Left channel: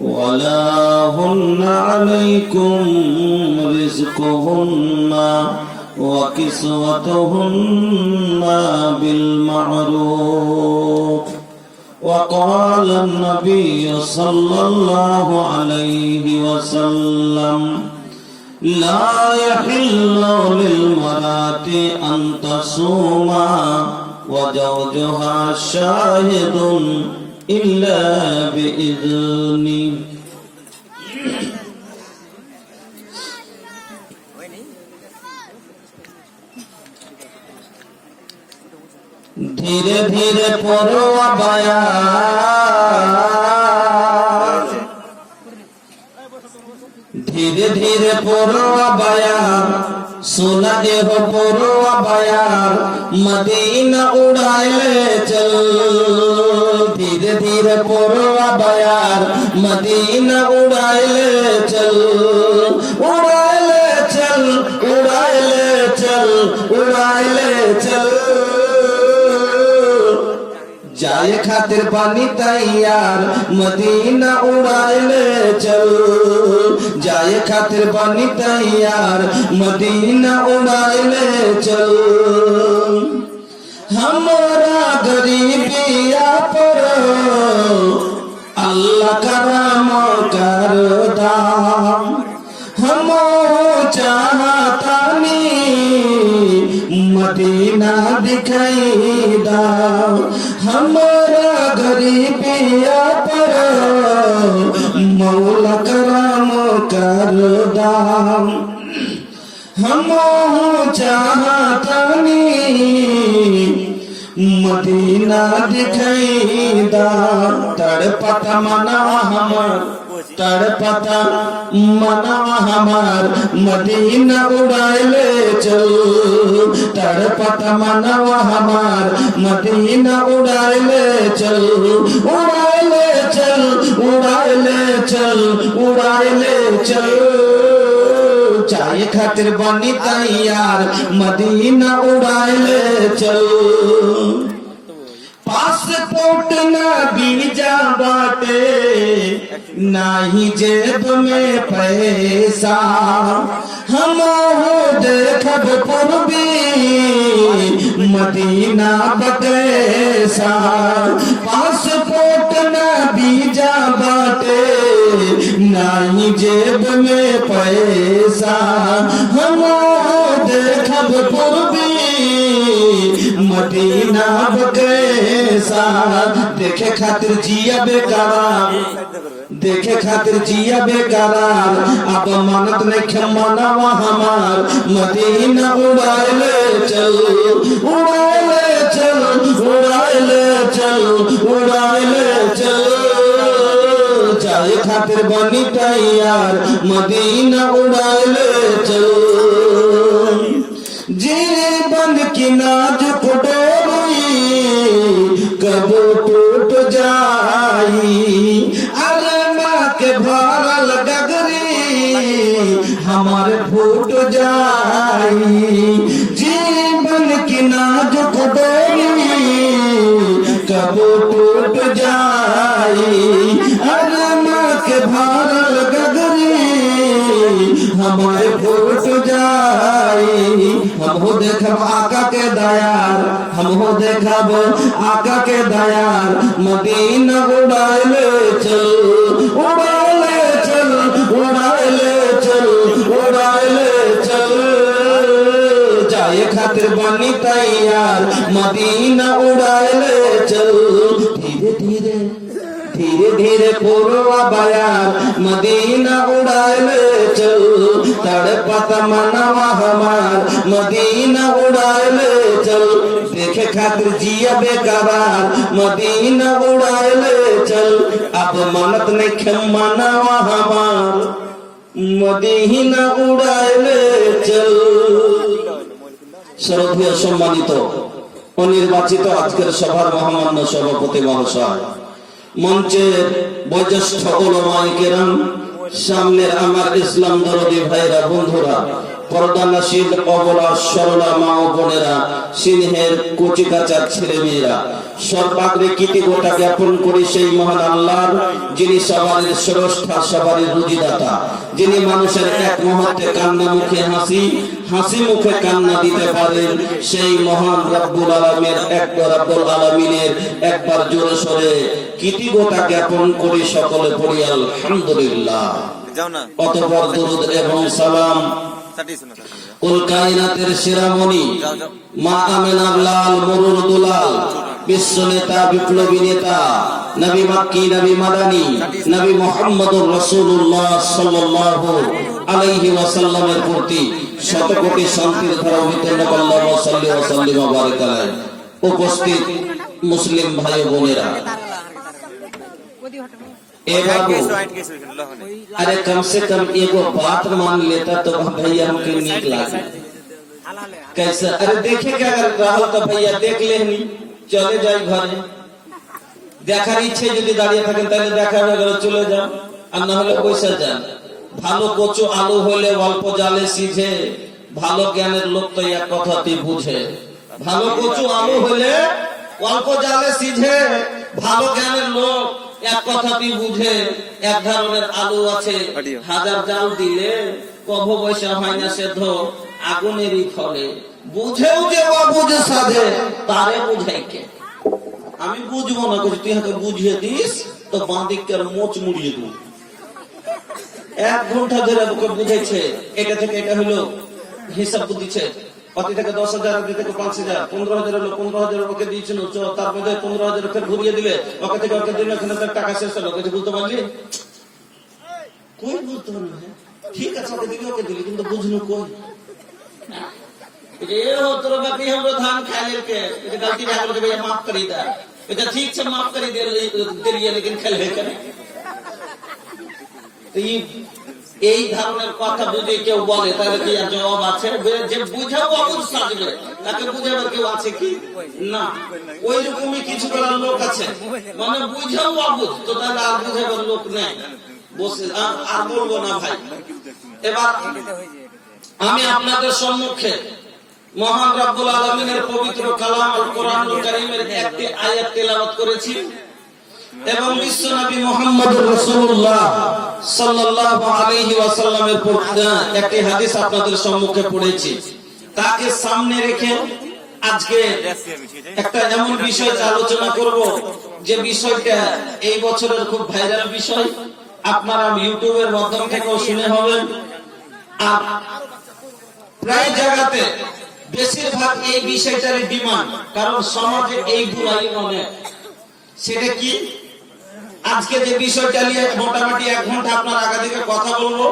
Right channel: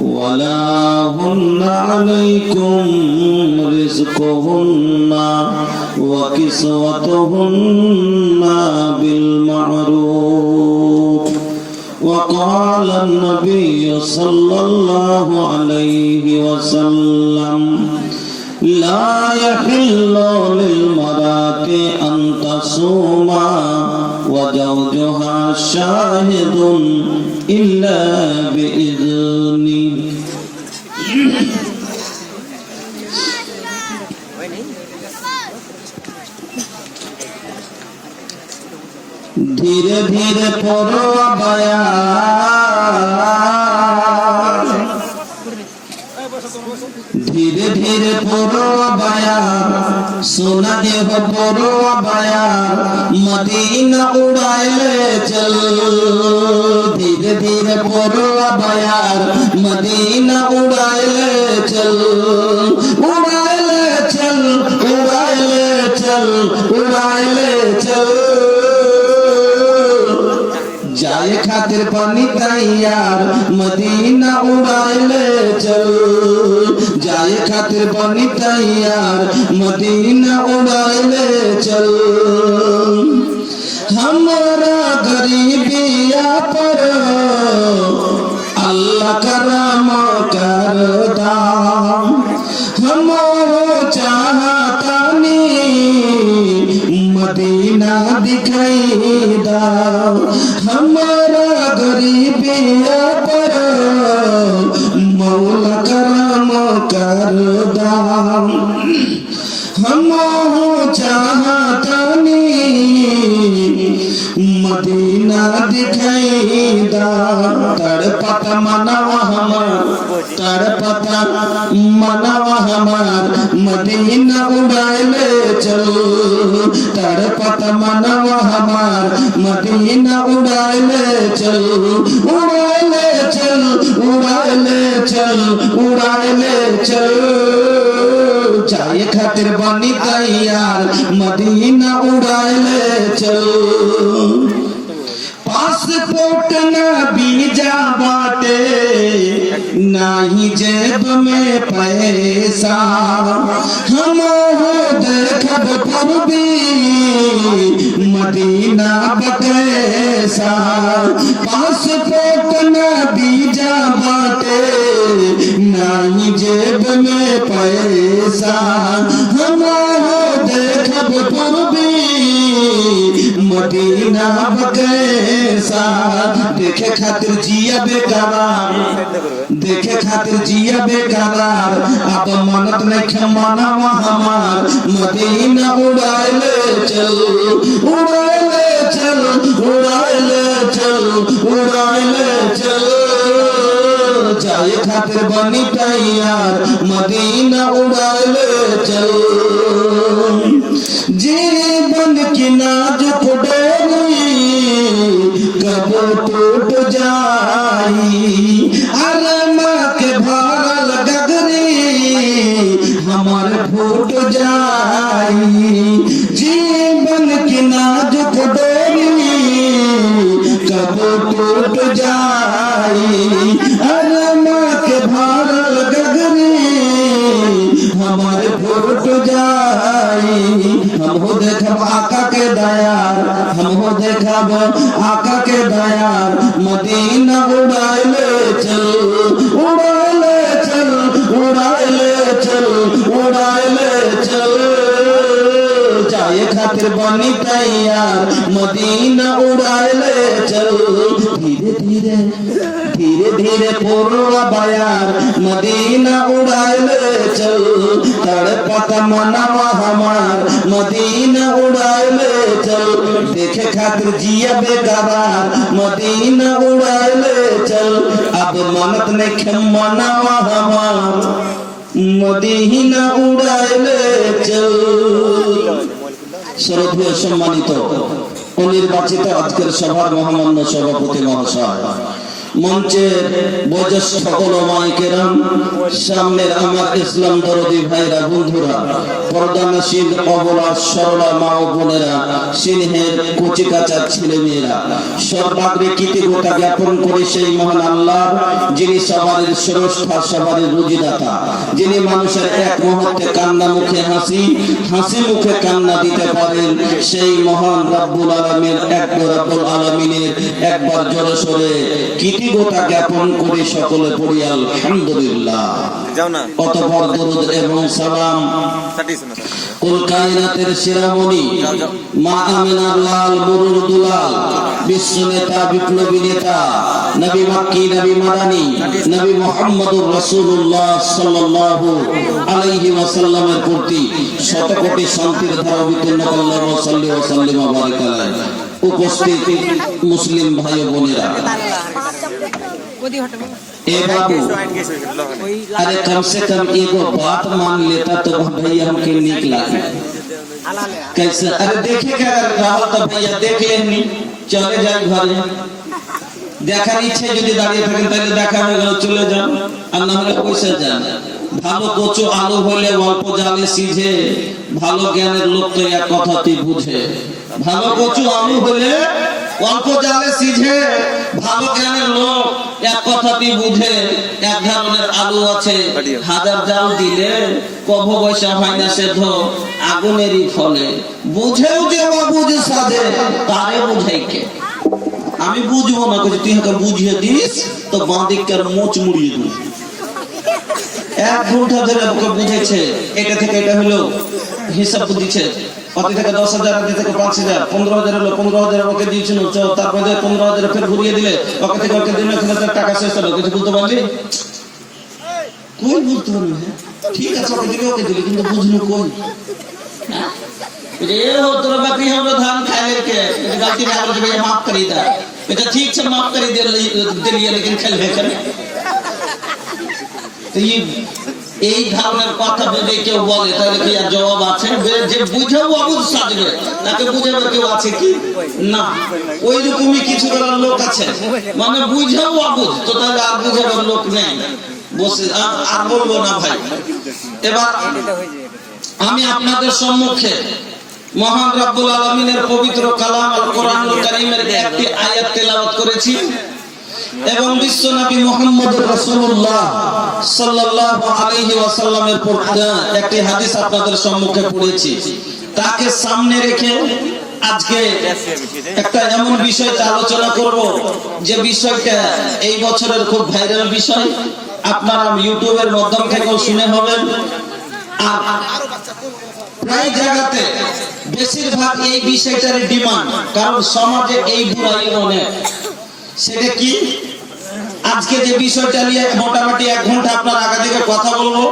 ولا هن عليكم رزقهن وكسوتهن بالمعروف وقال النبي صلى الله عليه وسلم لا يحل للمرأة أن تصوم وزوجها شاهد إلا بإذنه धीरे धीरे पढ़ो बयान धीरे धीरे पढ़ो बयान सोना देह पढ़ो बयान मदीना उड़ाए ले चल धीरे धीरे पढ़ो बयान मदीना उड़ाए ले चल उड़ाए ले चल उड़ाए ले चल उड़ाए ले चल जाए खातिर पानी तैयार मदीना उड़ाए ले चल जाए खातिर पानी तैयार मदीना उड़ाए ले चल हमारा गरीबिया पर अल्लाह करम कर दाम हम चाहता मदीना दिखाई दा हमारा गरीबिया पर मौला करम कर दाम हम चाहतनी मदीना दिखाई दा तड़पत मनवा हमार मदीना उड़ाए ले चल तड़पत मनवा हमार मदीना उड़ाए ले चल उड़ाए ले चल उड़ाए ले चल उड़ाए ले चल चाय खातिर बनी तैयार मदीना उड़ाए ले चल पासपोर्ट ना वीजा बाटे नाही जेब में पैसा हम देखब पूर्वी मदीना बकैसा पासपोर्ट ना वीजा बाटे नाही जेब में पैसा हम देखब पूर्वी मदीना बकैसा देखे खातिर जिया बेकरार देखे खातिर जिया बेकरार अब मानत नहीं मनावा हमार मदीना उड़ाए ले चल उड़ाए ले चल उड़ाए ले चल उड़ाए ले चल जाए खातिर बनी तैयार मदीना उड़ाए ले चल जीवन की नाजुक डोरी कब टूट जाई अरे माँ के भरल गगरी हमारे फूट जाई जीवन की नाजुक डोरी कब टूट जाई अरे माँ के भरल गगरी हमारे फूट जाई हम हो देखब आका के दयार हम हो देखब आका के दयार मदीना उड़ाए ले चल उड़ाए ले चल उड़ाए ले चल उड़ाए ले चल जाए खातिर बनी तैयार मदीना उड़ाए ले चल धीरे धीरे धीरे धीरे पूरा बयार मदीना उड़ाए ले चल तड़पत मनवा हमार मदीना उड़ाए ले चल देखे खातिर जिया बेकरार मदीना उड़ाए ले चल अब मनत नहीं मनवा हमार मदीना उड़ाए ले चल শ্রদ্ধেয় সম্মানিত ও নির্বাচিত আজকের সভার মহামান্য সভাপতি মহাশয় মঞ্চের বয়োজ্যেষ্ঠ ওলামায়ে কেরাম সামনের আমার ইসলাম দরদি ভাইরা বন্ধুরা পর্দানশীল অবলা সরলা মা ও বোনেরা, সিংহের কচি কাঁচা ছেলে মেয়েরা, সর্বাগ্রে কৃতজ্ঞতা জ্ঞাপন করে সেই মহান আল্লাহর, যিনি সবারই স্রষ্টা, সবারই রুজিদাতা, যিনি মানুষের এক মুহূর্তে কান্না মুখে হাসি, হাসি মুখে কান্না দিতে পারেন, সেই মহান রব্বুল আলামিনের একবার জোরে সোরে কৃতজ্ঞতা জ্ঞাপন করে সকলে পড়ি আলহামদুলিল্লাহ। অতঃপর দরুদ এবং সালাম কুল কায়নাতের শিরোমণি মা আমিনার লাল মরুর দুলাল, বিশ্ব নেতা বিপ্লবী নেতা, নবী মক্কি নবী মাদানী নবী মুহাম্মদুর রাসূলুল্লাহ সাল্লাল্লাহু আলাইহি ওয়াসাল্লামের প্রতি শত কোটি শান্তির ধারা অবতীর্ণ আল্লাহু সাল্লাল্লাহু আলাইহি ওয়া বারাক আলাইহি। উপস্থিত মুসলিম ভাই ও বোনেরা, अरे कम से कम एगो बात मान लेता तो भैया हमके नीक लागे। कैसे? अरे देखे क्या अगर राहुल तो भैया देख लेनी, चले जाए घरे। দেখার ইচ্ছে যদি দাঁড়িয়ে থাকেন তাহলে দেখা হয়ে গেল, চলে যান, আর না হলে পয়সা যান। ভালো কচু আলু হলে অল্প জালে সিঝে, ভালো জ্ঞানের লোক তো এক কথাতেই বুঝে। ভালো কচু আলু হলে অল্প জালে সিঝে, ভালো জ্ঞানের লোক এক কথাতেই বুঝে। এক ধরনের আলু আছে, হাজার জাল দিলে কভ পয়সা হয় না সেদ্ধ, আগুনেরই ফলে। বুঝেও যে অবুঝ সাধে, তারে বুঝাই কে? আমি বুঝবো না, তুই আমাকে বুঝিয়ে দিস তো বাঁদিকটার মোচ মুড়িয়ে দিস। 1 ঘন্টা ধরে ওকে বুঝেছে, এটা থেকে এটা হলো, হিসাব দিচ্ছে। অতি থেকে 10,000, অতি থেকে 5,000, 15,000 হলো, 15,000 ওকে দিয়েছিল, তারপরে 15,000 ফের ঘুরিয়ে দিলে, ওকে থেকে ওকে দিলে, টাকা শেষ হলো। কিছু বুঝতে পারলি? কই বুঝতে পারলি? ঠিক আছে, ওকে দিলে ওকে দিলে, কিন্তু বুঝলি কই? ये हो तोरा बकरी हमरो धान खा ले के गलती में हमरो भैया माफ करी दा, बेटा ठीक से माफ करी दिलिए, लेकिन खेल है करे। तो ये এই ধরনের কথা যদি কেউ বলে তাহলে কি আর জবাব আছে? যে বুঝাও অবুঝ সাজবে, তাকে বুঝাবে কেউ আছে কি? না, ওই রকমই কিছু করার লোক আছে, মানে বুঝাও অবুঝ, তো তাহলে আর বুঝাবার লোক নেই। বসে আর বলবো না ভাই। এবার আমি আপনাদের সম্মুখে মহান রব্বুল আলামিনের পবিত্র কালাম আল কোরআনুল কারীমের একটি আয়াত তেলাওয়াত করেছি এবং বিশ্ব নবী মুহাম্মদুর রাসূলুল্লাহ সাল্লাল্লাহু আলাইহি ওয়াসাল্লামের একটি হাদিস আপনাদের সম্মুখে পড়েছি। তাকে সামনে রেখে আজকে একটা এমন বিষয় আলোচনা করব যে বিষয়টা এই বছরের খুব ভাইরাল বিষয়। আপনারা ইউটিউবের মাধ্যম থেকেও শুনে হবেন, আর প্রায় জায়গাতে বেশিরভাগ এই বিষয়টার ডিমান্ড, কারণ সমাজে এই বুড়াই অনেক। সেটা কি? আজকে যে বিষয়টা নিয়ে মোটামুটি 1 ঘন্টা আপনার আগে থেকে কথা বলবো,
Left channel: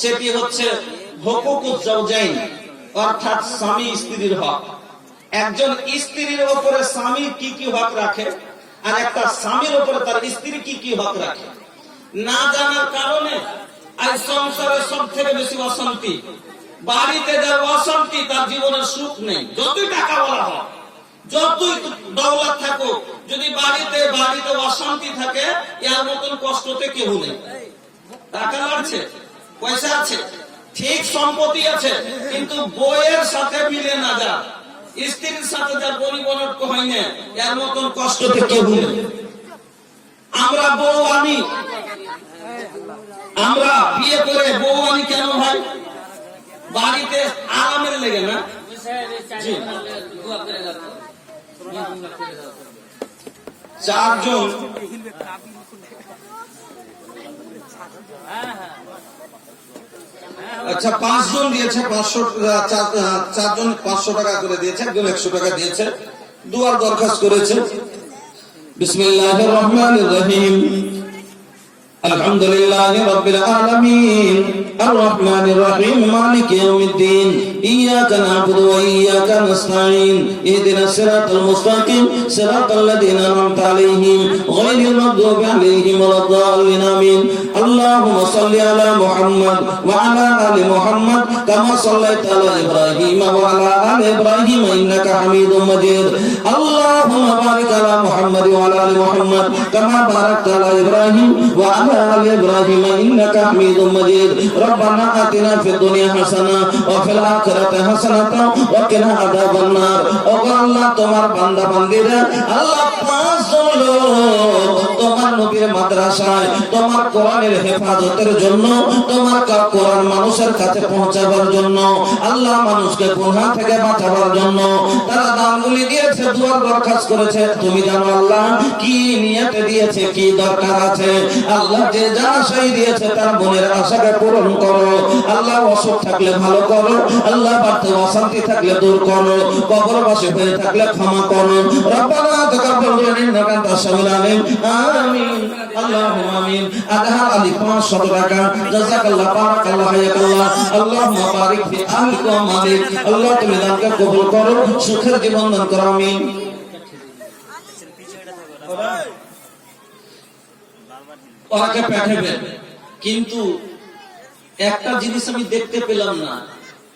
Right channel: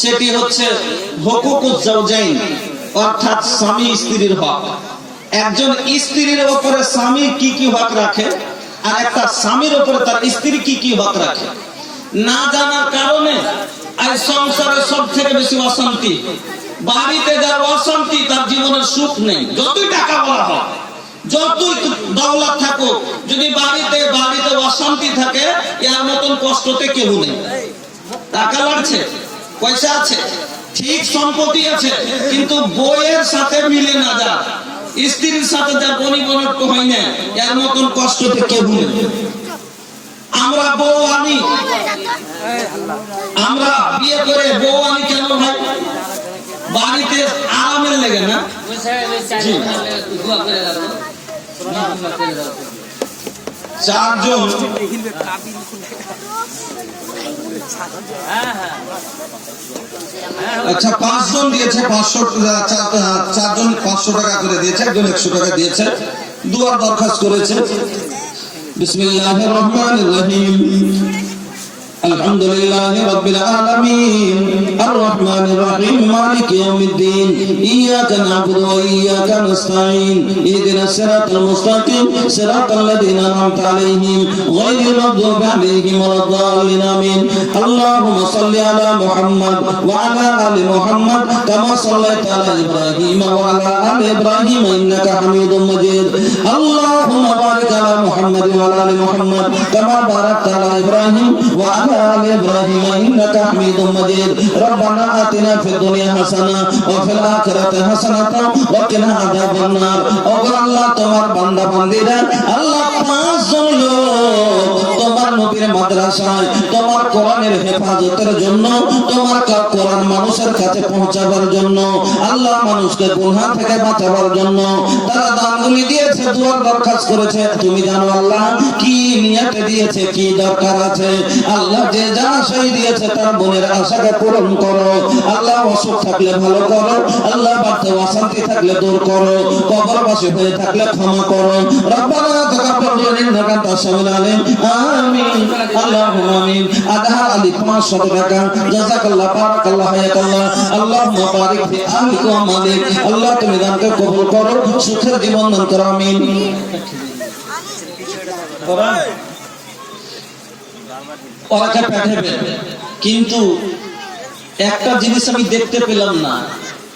সেটি হচ্ছে হুকুকুজ জাওজাইন, অর্থাৎ স্বামী স্ত্রীর হক। একজন স্ত্রীর উপরে স্বামী কি কি হক রাখে, আর একটা স্বামীর উপরে তার স্ত্রী কি কি হক রাখে, না জানার কারণে আজ সংসারে সব থেকে বেশি অশান্তি। বাড়িতে যার অশান্তি, তার জীবনের সুখ নেই। যতই টাকা বলা হয়, যতই দৌলত থাকুক, যদি বাড়িতে অশান্তি থাকে, এর মতন কষ্টতে কেউ নেই। টাকা লাগছে, পয়সা আছে, ঠিক সম্পত্তি আছে, কিন্তু বইয়ের সাথে মিলে না যা, স্ত্রীর সাথে যা পরিবর্তন হয় না, এর মতন কষ্টতে কেউ নেই। আমরা বউ আনি, আমরা বিয়ে করে বউ আনি কেন ভাই? বাড়িতে আরামের লেগে না? চারজন, আচ্ছা 5 জন দিয়েছে 500, চারজন 500 টাকা করে দিয়েছে, একজন 100 টাকা দিয়েছে, দুয়ার দরখাস্ত করেছে। বিসমিল্লাহির রহমানির রহিম। আলহামদুলিল্লাহি রাব্বিল আলামিন আর রহমানির রহিম মালিকি ইয়াউমিদ্দিন ইয়াকা না'বুদু ওয়া ইয়াকা নাস্তাঈন ইহদিনাস সিরাতাল মুস্তাকিম সিরাতাল লাযীনা আন'আমতা আলাইহিম গায়রিল মাগদুবি আলাইহিম ওয়ালাদ-দাল্লিন আমিন। আল্লাহুম্মা সাল্লি আলা মুহাম্মাদ ওয়া আলা আলি মুহাম্মাদ কামা সাল্লাইতা আলা ইব্রাহিম ওয়া আলা আলি ইব্রাহিম ইন্নাকা হামিদুম মাজিদ। আল্লাহুম্মা বারিক আলা মুহাম্মাদ ওয়া আলা আলি মুহাম্মাদ কামা বারাকতা আলা ইব্রাহিম ওয়া আলা آل إبراهيم إنك حميد مجيد ربنا آتنا في الدنيا حسنة وفي الآخرة حسنة وقنا عذاب النار الله তোমার বান্দা বান্দীরা আল্লাহ পাঁচ জন লোক তোমার নবীর মাদ্রাসায় তোমার কোরআনের হেফাজতের জন্য তোমার কোরআন মানুষের কাছে পৌঁছাবার জন্য আল্লাহ মানুষকে গুনাহ থেকে বাঁচাবার জন্য তারা দানগুলি দিয়েছে, দুয়ার দরখাস্ত করেছে। তুমি জানো আল্লাহ কি নিয়তে দিয়েছে, কি দরকার আছে। আল্লাহ যে যা আশাই দিয়েছে তার মনের আশাকে পূরণ করো আল্লাহ। অসুখ থাকলে ভালো করো আল্লাহ, বাড়িতে অশান্তি থাকলে দূর করো, কবরবাসী হয়ে থাকলে ক্ষমা করো। রব্বানা তাকাব্বাল মিন্না ইন্নাকা আনতাস সামিউল আলিম। আমিন আল্লাহুম্মা আমিন। আধা আলি 500 টাকা। জাযাকাল্লাহ, বারাকাল্লাহ, হায়াকাল্লাহ। আল্লাহুম্মা বারিক ফি আহলিকা ওয়া মালিক। আল্লাহ তুমি দানকে কবুল করো, সুখের জীবন দান করো। আমিন। ওরাকে পাঠাবে, কিন্তু একটা জিনিস আমি দেখতে পেলাম না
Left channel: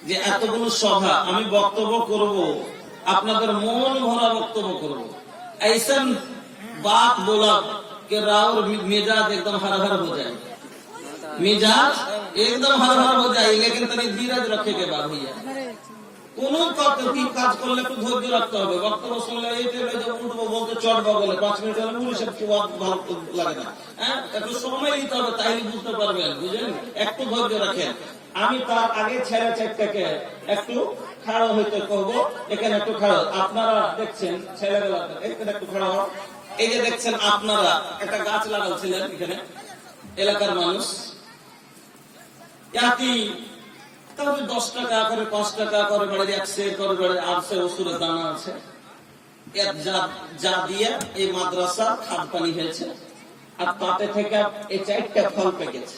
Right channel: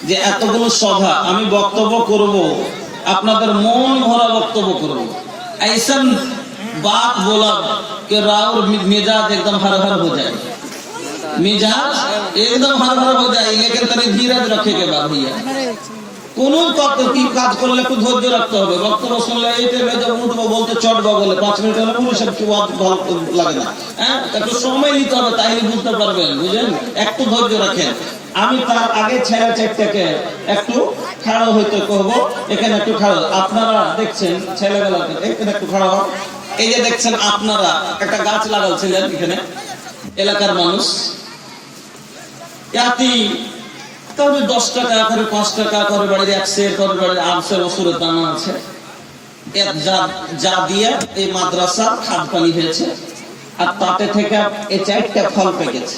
যে এতগুলো সভা আমি বক্তব্য করব, আপনাদের মন ভরা বক্তব্য করব। ऐसन बात बोला कि राउर मिजाज एकदम हर हर हो जाए, मिजाज एकदम हर हर हो जाए, लेकिन तनी धीरज रखे के बाद भैया কোন কি কাজ করলে একটু ধৈর্য রাখতে হবে। বক্তব্য শুনলে এই টাইমে যে উঠবো বলতে চটবো বলে 5 মিনিট হলে পুলিশের কি ভালো লাগে না, হ্যাঁ একটু সময় নিতে হবে, তাইলে বুঝতে পারবেন, বুঝলেন। একটু ধৈর্য রাখেন। আমি তার আগে ছেলে চেকটাকে একটু খাড়া হইতে করবো, এখানে একটু খাড়া। আপনারা দেখছেন ছেলেবেলাতে এখানে একটু খাড়া, এই যে দেখছেন আপনারা একটা গাছ লাগাচ্ছিলেন এখানে এলাকার মানুষ, ইয়াতি তবে 10 টাকা করে 5 টাকা করে বাড়ির 100 করে বাড়ির 800 বছরের দাম আছে, যা দিয়ে এই মাদ্রাসার খাদ পানি হয়েছে। আর তাতে থেকে এই 4টা ফল পেয়ে গেছে,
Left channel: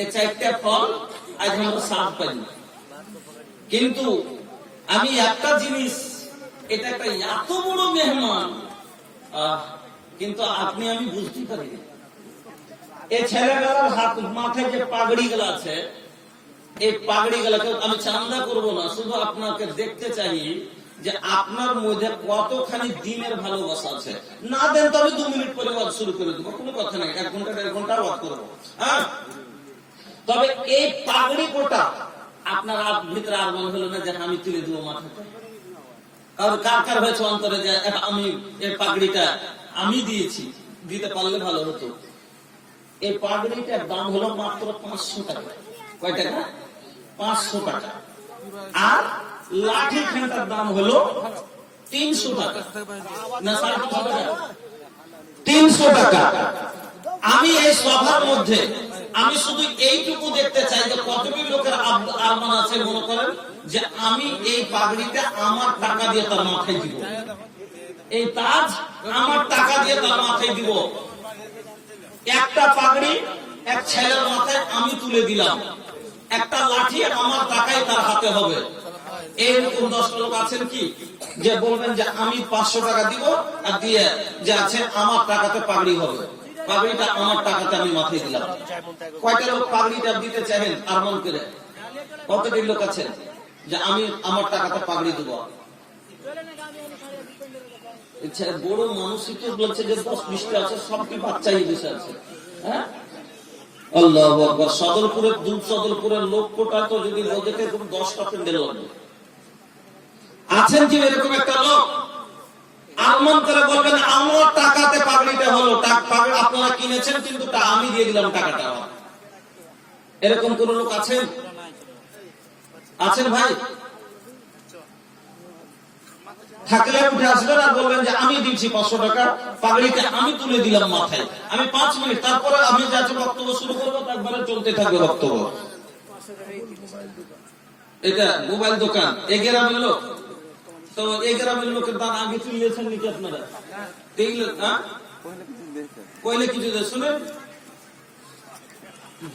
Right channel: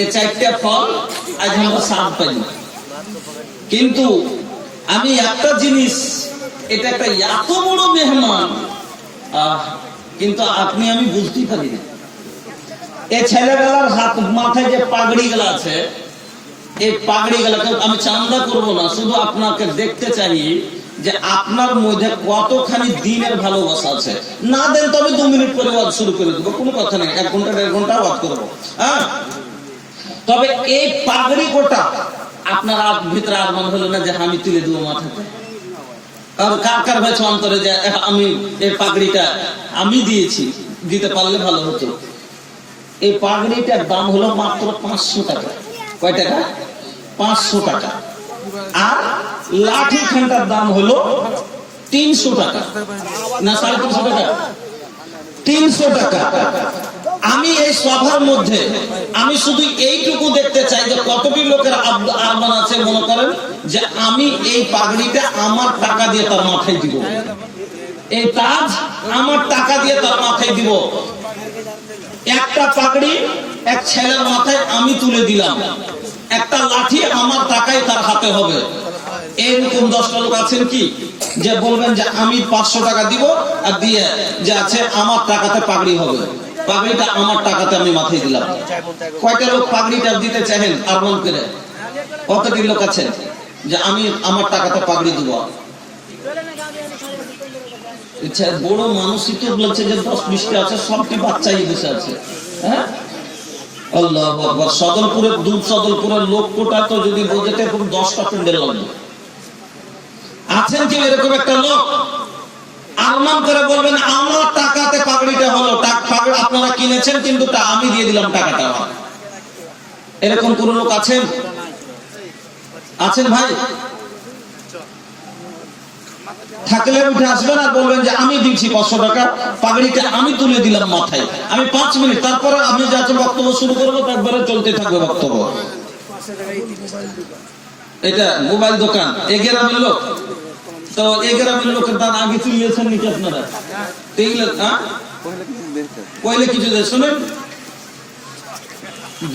এই 4টা ফল আজ আমরা স্বাদ পাইনি। কিন্তু আমি একটা জিনিস, এটা একটা এত বড় মেহমান, কিন্তু আপনি আমি বুঝতেই পারি না। এই ছেলেবেলার হাত মাথায় যে পাগড়ি গুলা আছে, এই পাগড়ি গুলাকে আমি চান্দা করবো না, শুধু আপনাকে দেখতে চাই যে আপনার মধ্যে কতখানি দিনের ভালোবাসা আছে। না দেন তবে 2 মিনিট পরে ওয়াজ শুরু করে দেবো, কোনো কথা নেই, 1 ঘন্টা 1.5 ঘন্টা ওয়াজ করবো। হ্যাঁ, তবে এই পাগড়ি কোটা আপনার ভিতরে আর মনে হলো না যে আমি তুলে দেবো মাথাতে। আর কার কার হয়েছে অন্তরে যে আমি এই পাগড়িটা আমি দিয়েছি, দিতে পারলে ভালো হতো। এই পাগড়িটার দাম হলো মাত্র 500 টাকা। কয় টাকা? 500 টাকা। আর লাঠি খানটার দাম হলো 300 টাকা না 350 টাকা, 300 টাকা। আমি এই সভার মধ্যে আমি শুধু এইটুকু দেখতে চাই যে কতটি লোকের আহ্বান আছে মনে করেন যে আমি এই পাগড়িটা আমার টাকা দিয়ে তার মাথায় দিব, এই তাজ আমার টাকা দিয়ে তার মাথায় দিব। একটা পাগড়ি এক ছেলের মাথায় আমি তুলে দিলাম, একটা লাঠি আমার টাকায় তার হাতে হবে। এইরকম 10টা লোক আছেন কি যে বলবেন যে আমি 500 টাকা দিব আর দিয়ে যে আছে আমার টাকাতে পাগড়ি হবে, পাগড়িটা আমার টাকাতে আমি মাথায় দিলাম। কয়টা লোক পাগড়িটা দিতে চাইেন আর মন করে? কতটি লোক আছেন যে আমি আমার টাকাতে পাগড়ি দিব? বড় মানুষই তো বলছে যে 10-20টা আছে, সবটি বাচ্চাই বসে আছে। হ্যাঁ, আল্লাহু আকবার। সদরপুরের সদরপুরের লোক কোটা তো যদি বোঝাতে 10টা প্যান্ডেল লাগবে। আছেন কি এরকম একটা লোক? আরমান করে বলবেন আমার টাকাতে পাগড়িটা হলো, পাগড়ি আপনারা কিনেছেন কিন্তু আমি দিয়ে দিলাম টাকাটা। এরকম কোন লোক আছেন? আছেন ভাই? থাকলে উঠে আসবেন আর বলবেন যে আমি দিচ্ছি 500 টাকা, পাগড়িটা আমি তুলে দিলাম মাথায়, আমি 5 মিনিট, তারপরে আমি যাতে বক্তব্য শুরু করবো তারপরে চলতে থাকবে বক্তব্য। এটা মোবাইল দোকান, এই গ্রামের লোক তো এই গ্রামের লোকের দান আগে তুলিয়েছেন নাকি আপনারা? পয়লে কিছু শোনেন,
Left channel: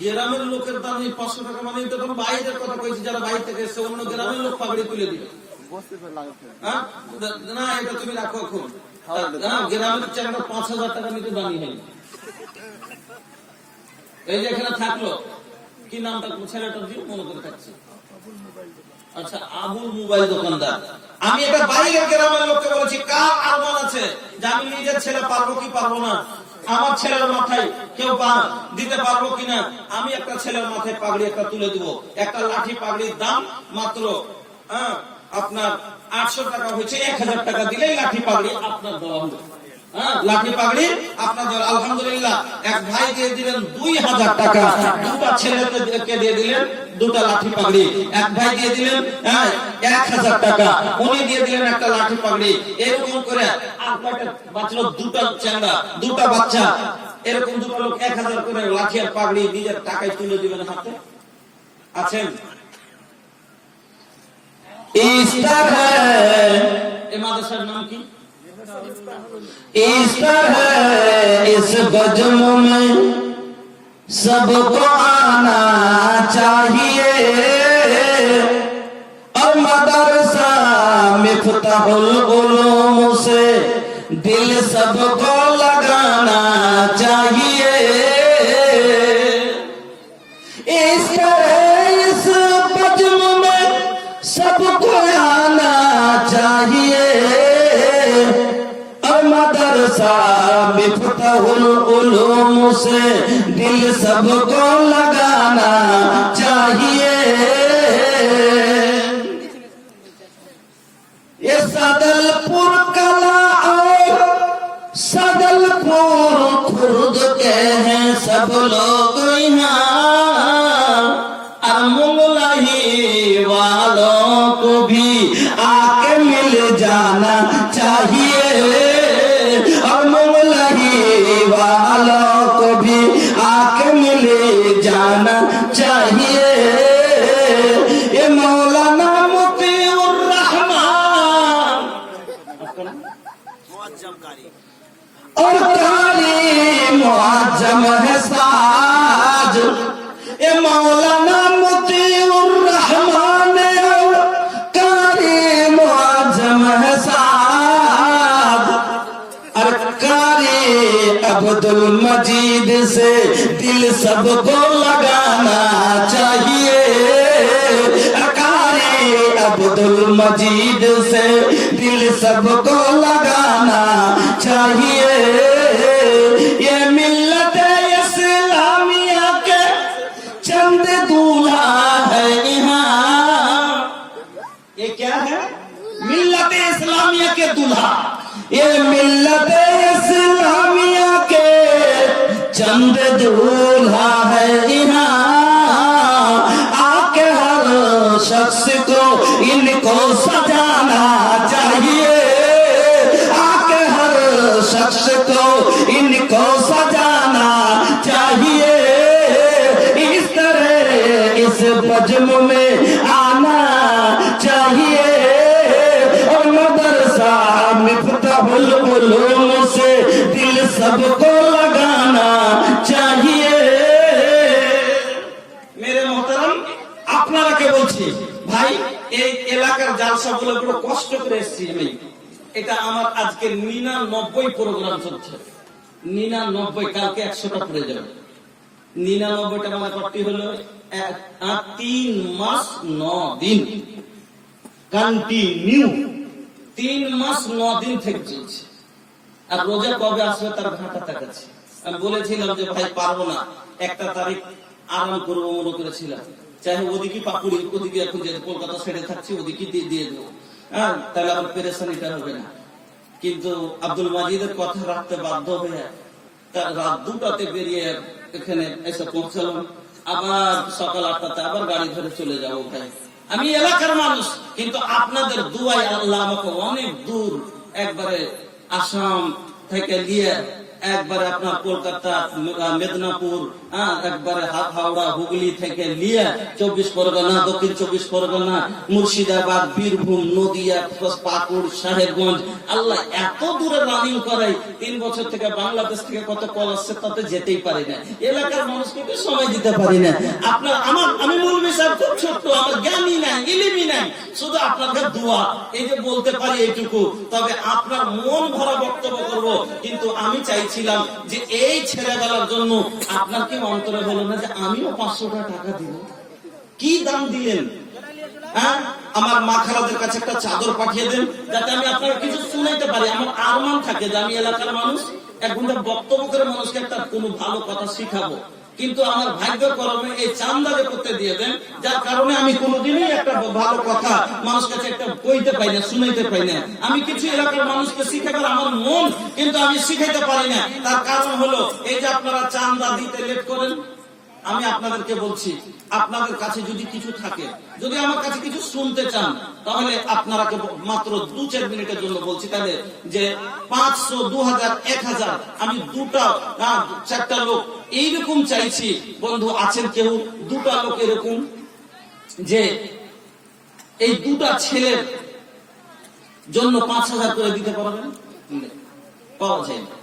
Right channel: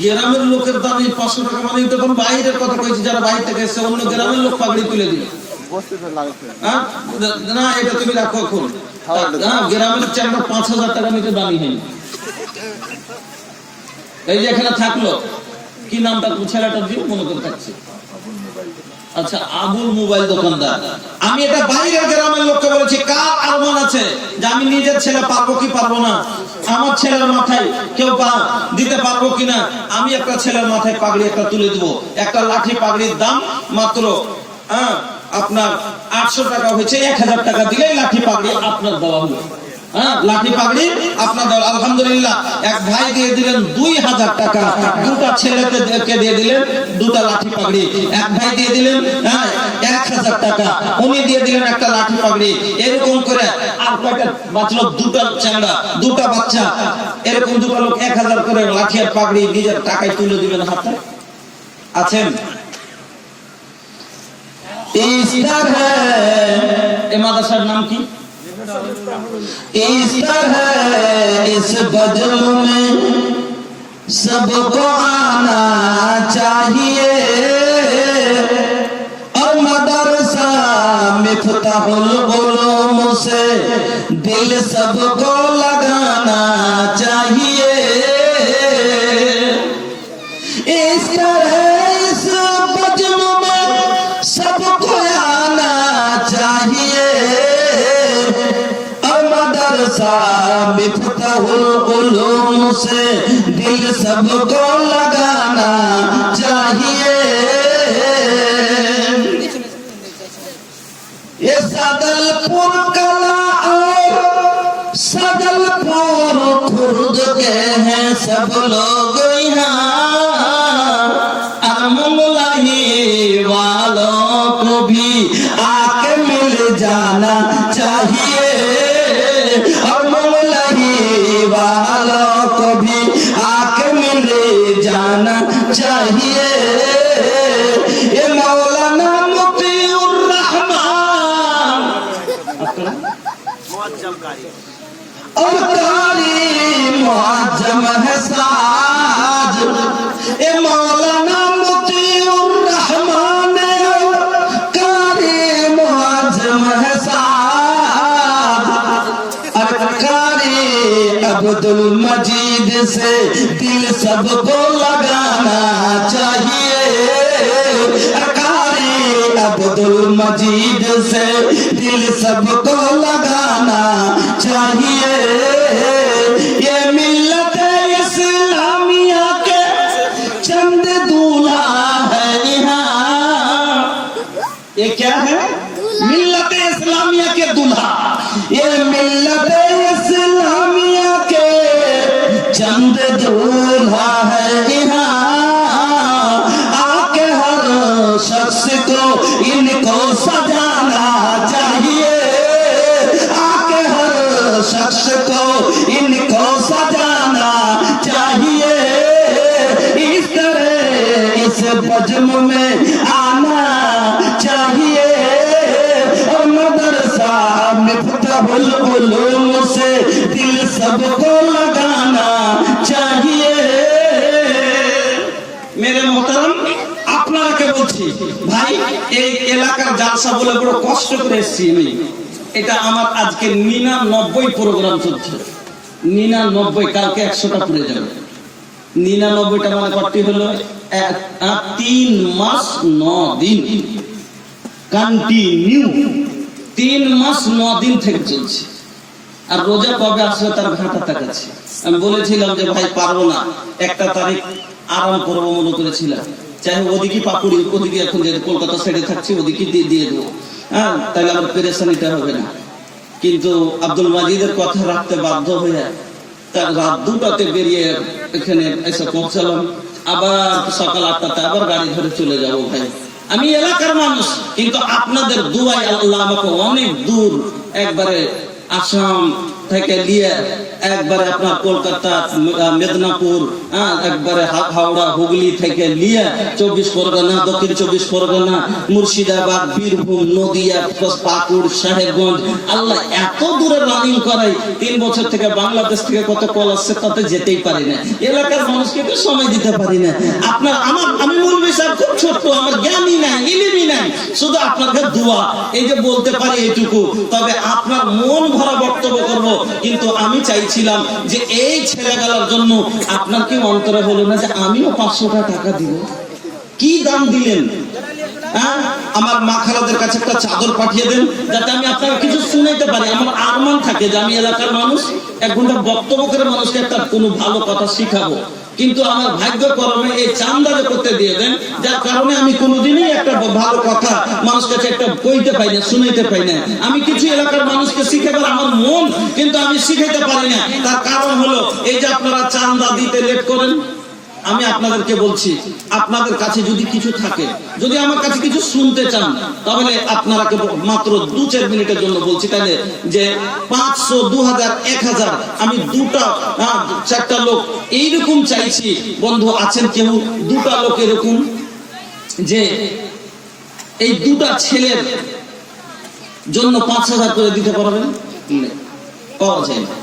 গ্রামের লোকের দাম এই 500 টাকা মানে তখন বাইরের কথা কইছি, যারা বাইরে থেকে এসে অন্য গ্রামের লোক পাগড়ি তুলে দিল। না এটা তুমি রাখো এখন, গ্রামের চারটা 5000 টাকা নিতে দামি হয়নি। এই যে এখানে থাকলো, কি নামটা ছেলেটার দিয়ে মনে করে থাকছে, আচ্ছা আবুল মোবাইল দোকানদার। আমি এটা বাইরের গ্রামের লোককে বলেছি, কার আরমান আছে যে আমি নিজের ছেলে পারবো কি পারবো না, আমার ছেলের মাথায় কেউ দিতে পারবো কিনা? আমি একটা ছেলের মাথায় পাগড়ি একটা তুলে দেব। একটা লাঠি পাগড়ির দাম মাত্র আপনার 800 টাকা হয়েছে। 1000 টাকা দিলেই লাঠি পাগড়ি আপনার দেওয়া হলো। লাঠি পাগড়ি আপনার দেওয়া। আলহামদুলিল্লাহ, এক ভাই দিয়ে দিলেন 2000 টাকা, দুটা ছেলেকে দিয়ে দিলেন দুটা লাঠি পাগড়ি। এক ভাই দিয়ে দিলেন 1000 টাকা, উনি দিয়ে দিলেন একটা লাঠি পাগড়ি। এরকম করে আর কয়টা বাঁচলো? দুটা চ্যাংড়া, দুটা বাচ্চা, এরকম দুটো লোক 1000 করে লাঠি আর পাগড়ি নিজের টাকায় তুলে দিবেন হাতে। আছেন? इस तरह मादरसार नाम की इस तरह इस बज़्म में सबको आना चाहिए और मदरसा मिफ्ताहुल उलूम से दिल सबको लगाना चाहिए। इस तरह इस बज़्म में सबको आना चाहिए और मदरसा मिफ्ताहुल उलूम से दिल सबको लगाना चाहिए। ये सदलपुर कला और सदलपुर खुर्द के हैं सब लोग यहाँ, वालों को भी आके मिल जाना चाहिए और मंगलही वालों को भी आके मिल जाना चाहिए। ये मौलाना मुतीउर रहमान और कारी मुअज्जम है साज। ये मौलाना अब्दुल मजीद से दिल सबको लगाना चाहिए। अकारी अब्दुल मजीद से दिल सबको लगाना चाहिए। ये मिल्लत इस्लामिया के चंद दूल्हा है यहाँ। ये क्या है? मिल्लत इस्लामिया के दूल्हा। ये मिल्लत इस्लामिया के चंद दूल्हा है यहाँ। आके हर शख्स को इनको सजाना चाहिए। आके हर शख्स को इनको सजाना चाहिए। इस तरह इस बज़्म में आना चाहिए और मदरसा मिफ्ताहुल उलूम से दिल सबको लगाना चाहिए। मेरे मोहतरम, আপনারা কে বলছি ভাই, এই এলাকার জালসা বলে বড় কষ্ট করে এসেছি আমি। এটা আমার আজকে 99 প্রোগ্রাম চলছে। 99, কালকে 100টা পুড়ে যাবে। 99টা মানে কত হলো? 3 মাস 9 দিন কন্টিনিউ। 3 মাস 9 দিন থেকে চলছে। আর রোজা কবে আসবে তার ঘাটা তাকাচ্ছে। আমি বলেছিলাম যে ভাই পারবো না, 1 তারিখ আরাম করবো মনে করেছিলাম। চাই ওদিকে পাকুড়ি, ওদিকে এখন যে কলকাতা সাইডে থাকছি ওদিকে দিয়ে দেবো, তাহলে আমার পেরেশানিটা হবে না। কিন্তু আব্দুল মাজিদের কথা রাখতে বাধ্য হয়ে তার রাত 2টাতে বেরিয়ে এখানে এসে পৌঁছালাম। আবার সকাল 8টাতে আবার গাড়ি ধরে চলে যাবো। ভাই আমি এলাকার মানুষ, কিন্তু আপনাদের দুয়ায় আল্লাহ আমাকে অনেক দূর, একবারে আসাম থেকে নিয়ে একবারে আপনার কলকাতা, মেদিনীপুর, একবারে হাওড়া, হুগলি থেকে নিয়ে 24 পরগনা, দক্ষিণ 24 পরগনা, মুর্শিদাবাদ, বীরভূম, নদিয়া, পাকুড়, সাহেবগঞ্জ, আল্লাহ এত দূরে রানিং করাই। 3 বছর থেকে বাংলাদেশ থেকে কত কল আসছে তাতে যেতেই পারি না। এলাকার মানুষকে একটু সময় দিতে পারি না। আপনার আমি মৌলভী সাহেব খুব ছোট্ট, আমার জ্ঞানই নাই, ইলমই নাই, শুধু আপনাদের দোয়া এই যে বলতে পারি এইটুকু। তবে আপনার মন ভরা বক্তব্য করব, কিন্তু আমি চাইছিলাম যে এই ছেলেগুলোর জন্য আপনার কি অন্তরে হলো না যে আমিও 500 টাকা দিব? কি দাম দিলেন? হ্যাঁ, আমার মা খালাদের কাছে একটা চাদর পাঠিয়ে দেন, যাতে আমি আপনাকে কিছু শুনাইতে পারি। আমার আরমান থাকে যে আমি এলাকার মানুষ, 1 ঘন্টা বক্তব্য করে মানুষকে একটা কোনো ভালো কথা শিখাবো। কিন্তু আমার ভাগ্যক্রমে এই চান্দারে করতে দিয়ে দেন, যার কারণে আমি কোনোদিনই একটা ভালো কথা মানুষ কাছে একটা কইতে পাই না, শুনাইতে পাই না। আমি কিছু এলাকার মানুষকে শিখাবার আমার মন, কিন্তু আমি শিখাইতে পারি না। তার কারণ হলো এই যে আপনারা চান্দা দিতে লেট করেন। আমি আপনাদেরকে বলছি, আপনাদের কাছে যদি কিছু থাকে, যদি আমার কাছে কিছু শুনতে চান, তাহলে আপনারা মাত্র 2-4 মিনিটের জন্য বলছি, তাহলে যে 500, 2000, 1000 আমি 2টা-4টা লোক এইরকম চাইছি। বন্ধু আছেন কেউ 2টা লোক এরকম যে এই 2টা ছেলের জন্য 5000 করে দিতে পারবেন? পাওয়া যায় না।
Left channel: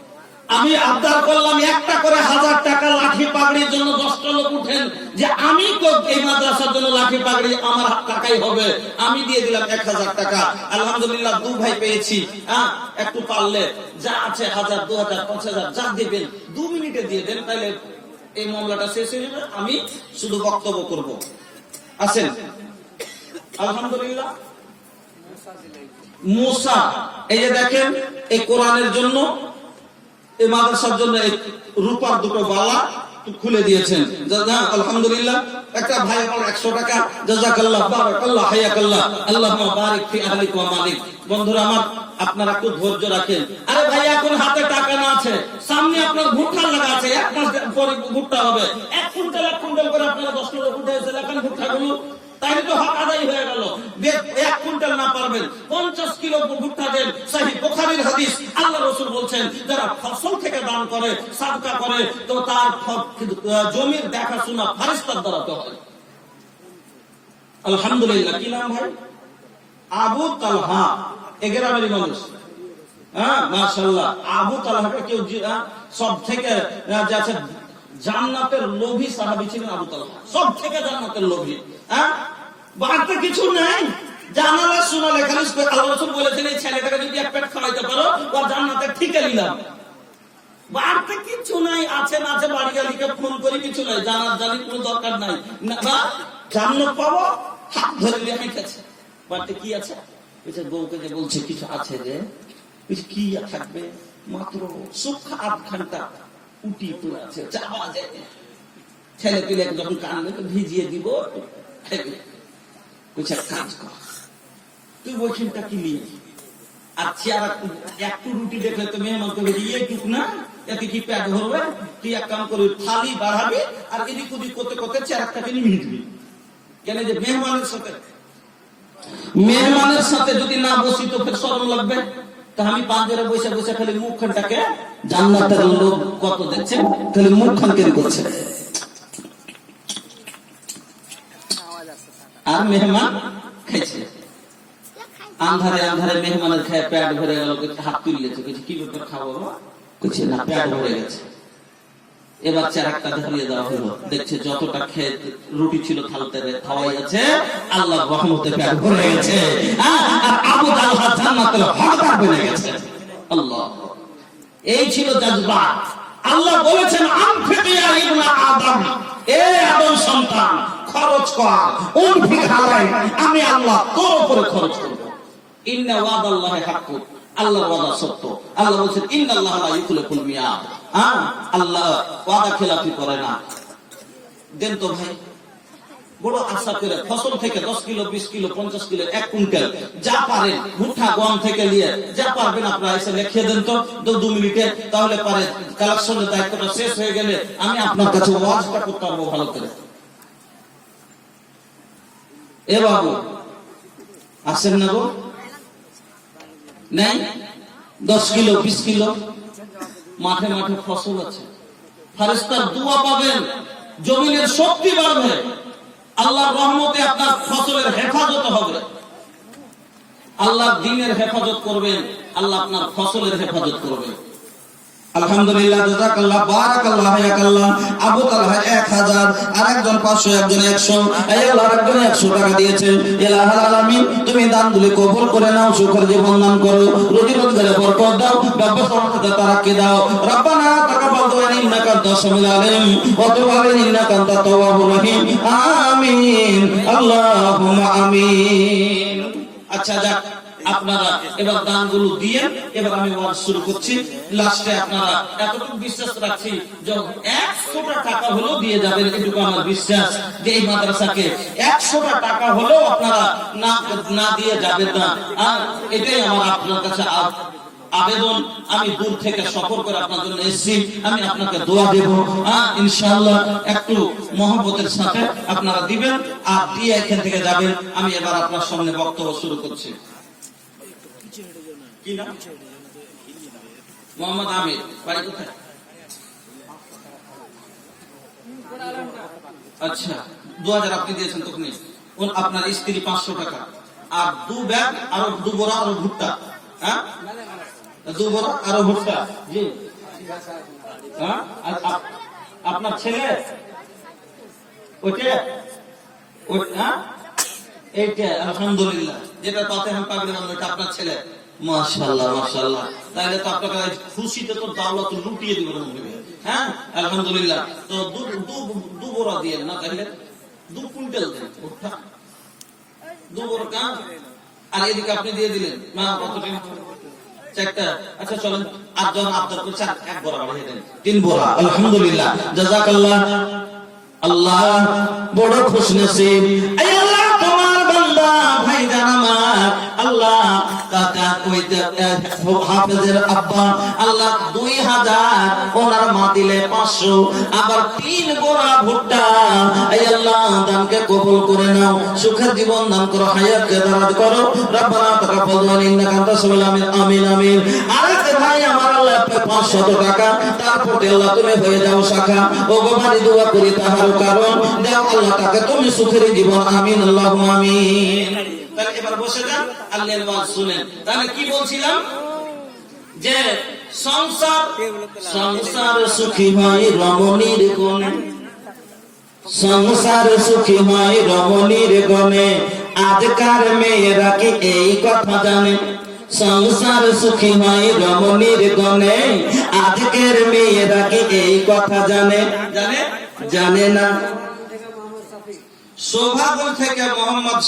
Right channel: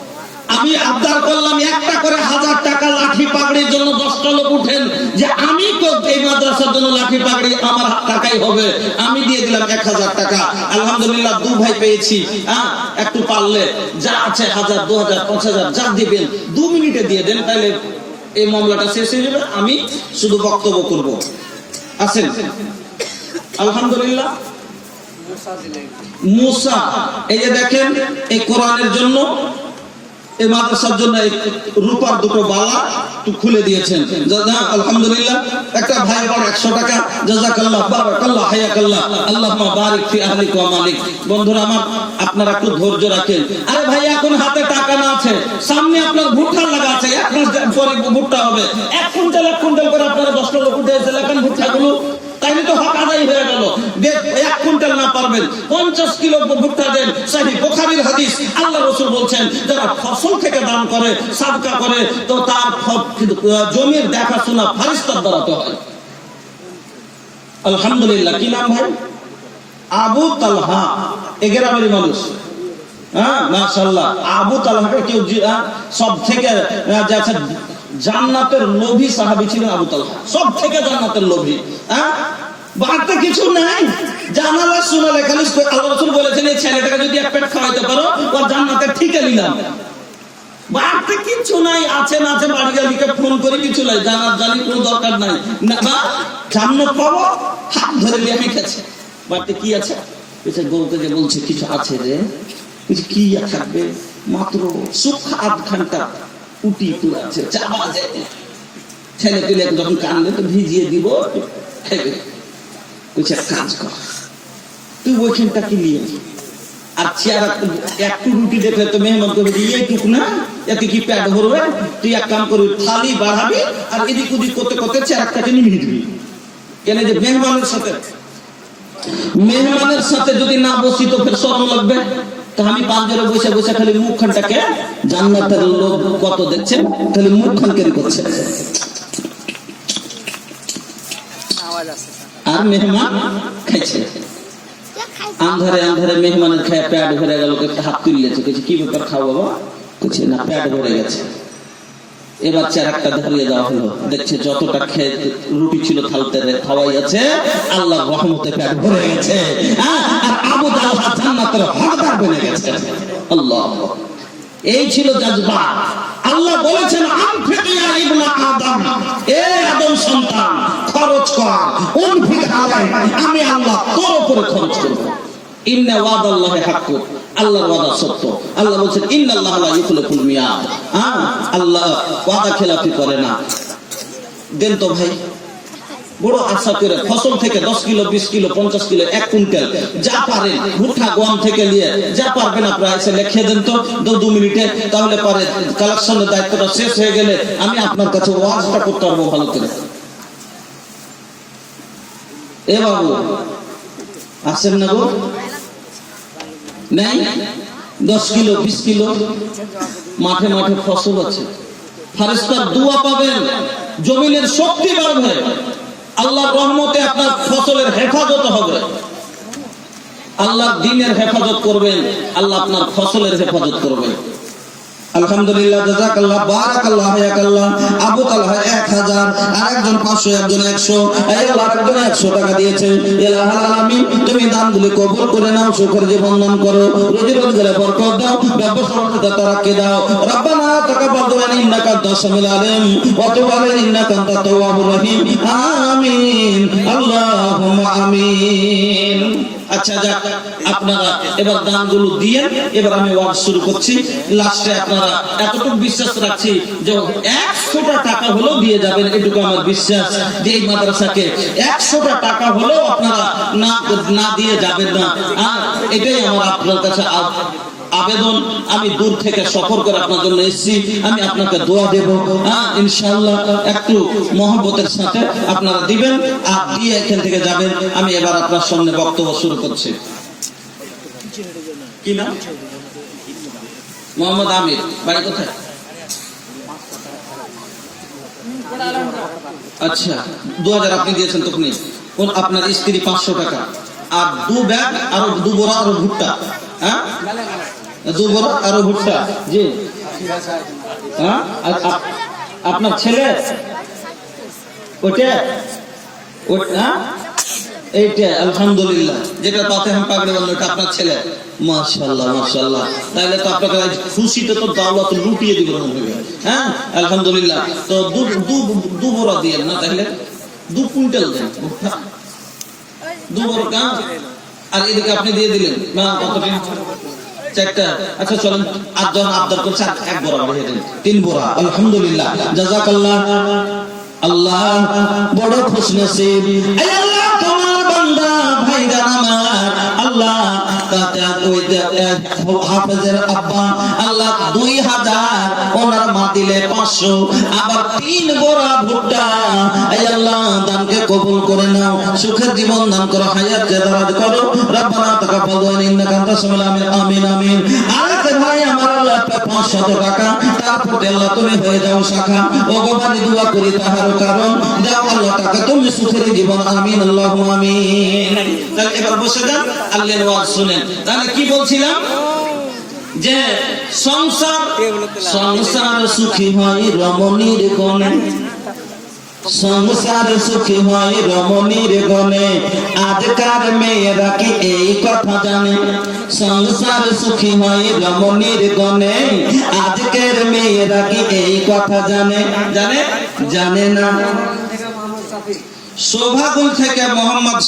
আমি আবদার করলাম একটা করে 1000 টাকা লাঠি পাগড়ির জন্য 10টা লোক উঠেন, যে আমি তো এই মাদ্রাসার জন্য লাঠি পাগড়ি আমার টাকাই হবে। আমি দিয়ে দিলাম 1000 টাকা। আলহামদুলিল্লাহ 2 ভাই পেয়েছি। একটু পারলে যা আছে 1000, 2000, 5000 যা দিবেন 2 মিনিটে দিয়ে দেন, তাহলে এই মামলাটা শেষ হয়ে যাবে। আমি শুধু বক্তব্য করব। আছেন? আলহামদুলিল্লাহ। মুসা, এই যে দেখেন, এই কোরআনের জন্য, এই মাদ্রাসার জন্য রূপার 2টো বালা খুলে দিয়েছেন। আলহামদুলিল্লাহ। একটা ভাই আবার 100 টাকা। জাযাকাল্লাহ, বারাকাল্লাহ, হায়াকাল্লাহ, আল্লাহুম্মা বারিক ফি আহলিক ওয়া মালিক। বন্ধুরা আমার, আপনারা একটু ধৈর্য রাখেন। আরে ভাই, এখন হাতে টাকা না আছে, সামনে আপনার ভুট্টা লাগা আছে, 1 মাস পরে ভুট্টা হবে। 1 কুইন্টাল করে আপনারা 10টা লোক উঠে এসে লেখান ভুট্টাগুলো, তাইলে তো হক আদায় হয়ে গেল। 1 কুইন্টাল না পারবেন 50 কিলো ভুট্টা দেন। সহিহ বুখারীর হাদিস, আল্লাহ রাসূল বলছেন, যারা ফসল থেকে দান করে, সাদকা করে, তো তার জমির দেখাশোনা ফেরেশতার দ্বারা তো হয়। আলহামদুলিল্লাহ। কি নাম ভাই? আবু তালহা, এই গ্রামের মানুষ। মাশাআল্লাহ। আবু তালহাকে কেউ সব থেকে জান্নাতের লোভী সাহাবী ছিলেন আবু তালহা, সব থেকে জান্নাতের লোভী। বাড়তে কিছু নাই, জানালা শোনালে খালি আল্লাহ রাসূল বলেছেন, এই ছেলেটাকে যদি 1 পেট খাওয়াইতে পারো, ওর জান্নাতে ঠিকে নিলাম। বাড়তে কিছু নাই, আছে না আছে, বাড়ি গালিকে ফোন করে কিছু নাই, জানার জানি কোনো দরকার নাই, বা জান্নাত পাবো, হাত ধরে নিয়ে গেছে। বাড়তে কি আছে? গৌকে যে বলছে কিছু আছে রে, কি থাকবে, মাত্র সুখ 8 ঘন্টা উটি আছে, চাবা যায়। ছেলে পেলে যখন কানলে তো ভিজিয়ে দিব, খাইবে। কাজ কর, তুই ওইখানটা কি নিয়ে, আর চেয়ার একটু রুটি দেখলে তো মেহমান করবে, এইটুক না, এতে কি প্যাট ভরবে? তুই এক কাম করবি, থালি বাড়াবি, আর এদিক ওদিক করতে করতে চেয়ারটাকে নিমিয়ে দিবি। কেন যে মেহমানের সাথে যদি না বসি তো ফের শরম লাগবে। তা আমি বাজারে বসে বসে খালি মুখখানটাকে, জান্নাতের লোক কত দেখছেন, খালি মুখখানকে করছে, আর মেহমান খাইছে। আন্ধারে আন্ধারে মেহমানের খায় পেট ভরে গেল, হাত তুললেছে, কি ব্যাপার খাওয়া বাবা? না, পেট ভরে গেছে। এবার চেরাকটা ধরিয়ে দেওয়া হলো, দেখছে যতটা খেয়ে রুটি ছিল থালতে খাওয়াই আছে, আল্লাহ রহমতে পেট ভরে গেছে। আবু তালহা জান্নাতের হকদার বনে গেছে। আল্লাহ, এই ছিল জাযবা। আল্লাহ বলেছেন, আনফিক ইয়া ইবনা আদম, এ আদম সন্তান, খরচ কর, উনফিক আলাই, আমি আল্লাহ তোর উপরে খরচ করব। ইন্না ওয়াদাল্লাহি হাক্কু, আল্লাহর ওয়াদা সত্য। আল্লাহ বলেন, ইন্নাল্লাহা লা ইউখলিফুল মিয়াদ, আল্লাহ ওয়াদা খেলাফি করে না। দেন তো ভাই, বড় আশা করে ফসল থেকে 10 কিলো, 20 কিলো, 50 কিলো, 1 কুইন্টাল যা পারেন, ভুট্টা গম থেকে নিয়ে যা পারবেন আপনারা এসে লিখে দেন তো 2 মিনিটে, তাহলে পারে কালেকশনের দায়িত্বটা শেষ হয়ে গেলে আমি আপনার কাছে ওয়াজটা করতে পারবো ভালো করে। এ বাবু আসেন না গো? নাই 10 কিলো, 20 কিলো, মাঠে মাঠে ফসল আছে, ফেরেশতার দোয়া পাবেন, জমিনের শক্তি বাড়বে, আল্লাহর রহমতে আপনার ফসলের হেফাজত হবে, আল্লাহ দ্বীনের হেফাজত করবেন, আল্লাহ আপনার ফসলের হেফাজত করবেন। আলহামদুলিল্লাহ, জাযাকাল্লাহ, বারাকাল্লাহ, হায়াকাল্লাহ। আবু তালহা 1000, আরেকজন 500, একজন 100, এই আল্লাহ একজন 100 টাকা দিয়েছে। ইলাহুল আলামিন, তুমি দানগুলো কবুল করে নাও, সুখের জীবন দান করো, রুজি রোজগারে বরকত দাও, ব্যবসা বাণিজ্যে তারাক্কি দাও। রব্বানা তাকাব্বাল মিন্না ইন্নাকা আনতাস সামিউল আলিম ওয়া তুব আলাইনা ইন্নাকা আনতাত তাওয়াবুর রহিম আমিন আল্লাহুম্মা আমিন। আচ্ছা যাক, আপনারা এবার দানগুলো দিয়ে এবার আমি ওয়াজ শুরু করছি। লাস্টে আপনারা এতটুকু বিশ্বাস রাখছি যে 100টা টাকা হলেও দিয়ে যাবেন, এটুকু আমার বিশ্বাস যে এই মাদ্রাসাকে 100টা টাকা হলেও আপনারা না দিয়ে যাবেন না। আর এটাই আমার আপনার কাছে আবেদন। আমি দূর থেকে সফর করে আপনার জন্য এসেছি, আমি আপনাকে দোয়া দেব, ইনশাআল্লাহ একটু মহব্বতের সাথে আপনারা দিবেন আর দিয়ে এখান থেকে যাবেন। আমি এবার আপনার সামনে বক্তব্য শুরু করছি। কি নাম? মোহাম্মদ আমির। বাড়ি কোথায়? আচ্ছা, 2000 আপনি দিয়েছেন তখনই। আপনার স্ত্রী 500 টাকা আর 2 ব্যাগ আর 2 বড় আর ভুট্টা। হ্যাঁ, 2 বড় আর ভুট্টা। জি, হ্যাঁ। আপনার ছেলে ওইটা এইটা আলহামদুলিল্লাহ, যেটা পাতে হাম পাগড়ি বললো এটা আপনার ছেলে। মাশাআল্লাহ মাশাআল্লাহ, তাইলে তো আপনাকে খুশিতে তো দাওয়াত লুটিয়ে দিব। হ্যাঁ আলহামদুলিল্লাহ। তো দু বড় দিয়ে না, তাহলে 2 কুইন্টাল দেন, 2 বড় কাম। আর এদিকে আপনি দিয়ে দিলেন না কতটা? 4টা। আচ্ছা চলেন 8 জন আবদার করছে, 1 বড় দিয়ে দেন, 3 বড়। আলহামদুলিল্লাহ, জাযাকাল্লাহ। আল্লাহ বড় খুশনসিব। এই আল্লাহ তোমার বান্দা ভাই জানা আল্লাহ কাকা ওই হাফেজের আব্বা আল্লাহ 2000, ওনার মা দিলে 500, আবার 3 বড়া ভুট্টা। এই আল্লাহ দানকে কবুল করে নাও, সুখের জীবন দান করো, হায়াতকে দারাজ করো। রব্বানা তাকাব্বাল ইন্নাকা আনতাস সামিউল আলিম আমিন আমিন। আরেক ভাই আমার আল্লাহ 500 টাকা, তারপর আল্লাহ তুমি হয়ে যাও শাখা। ও গোবানি দোয়া করি তাহার কারণ দাও আল্লাহ টাকা তুমি সুখের জীবন আমিন আল্লাহুম্মা আমিন। তাহলে এবার বসে যান, আল্লাহর ওয়াজ শুনেন। তাহলে কি বলছিলাম যে সংসার সুখী হয় রমণীর গণে, সংসার সুখী হয় রমণীর গণে। আজকার মেয়েরা কি এই কথা জানে? সংসার সুখী হয় রমণীর গণে, আজকের মেয়েরা কি এই কথা জানে? জানে না। শোভাগুল থেকে মোহাম্মদ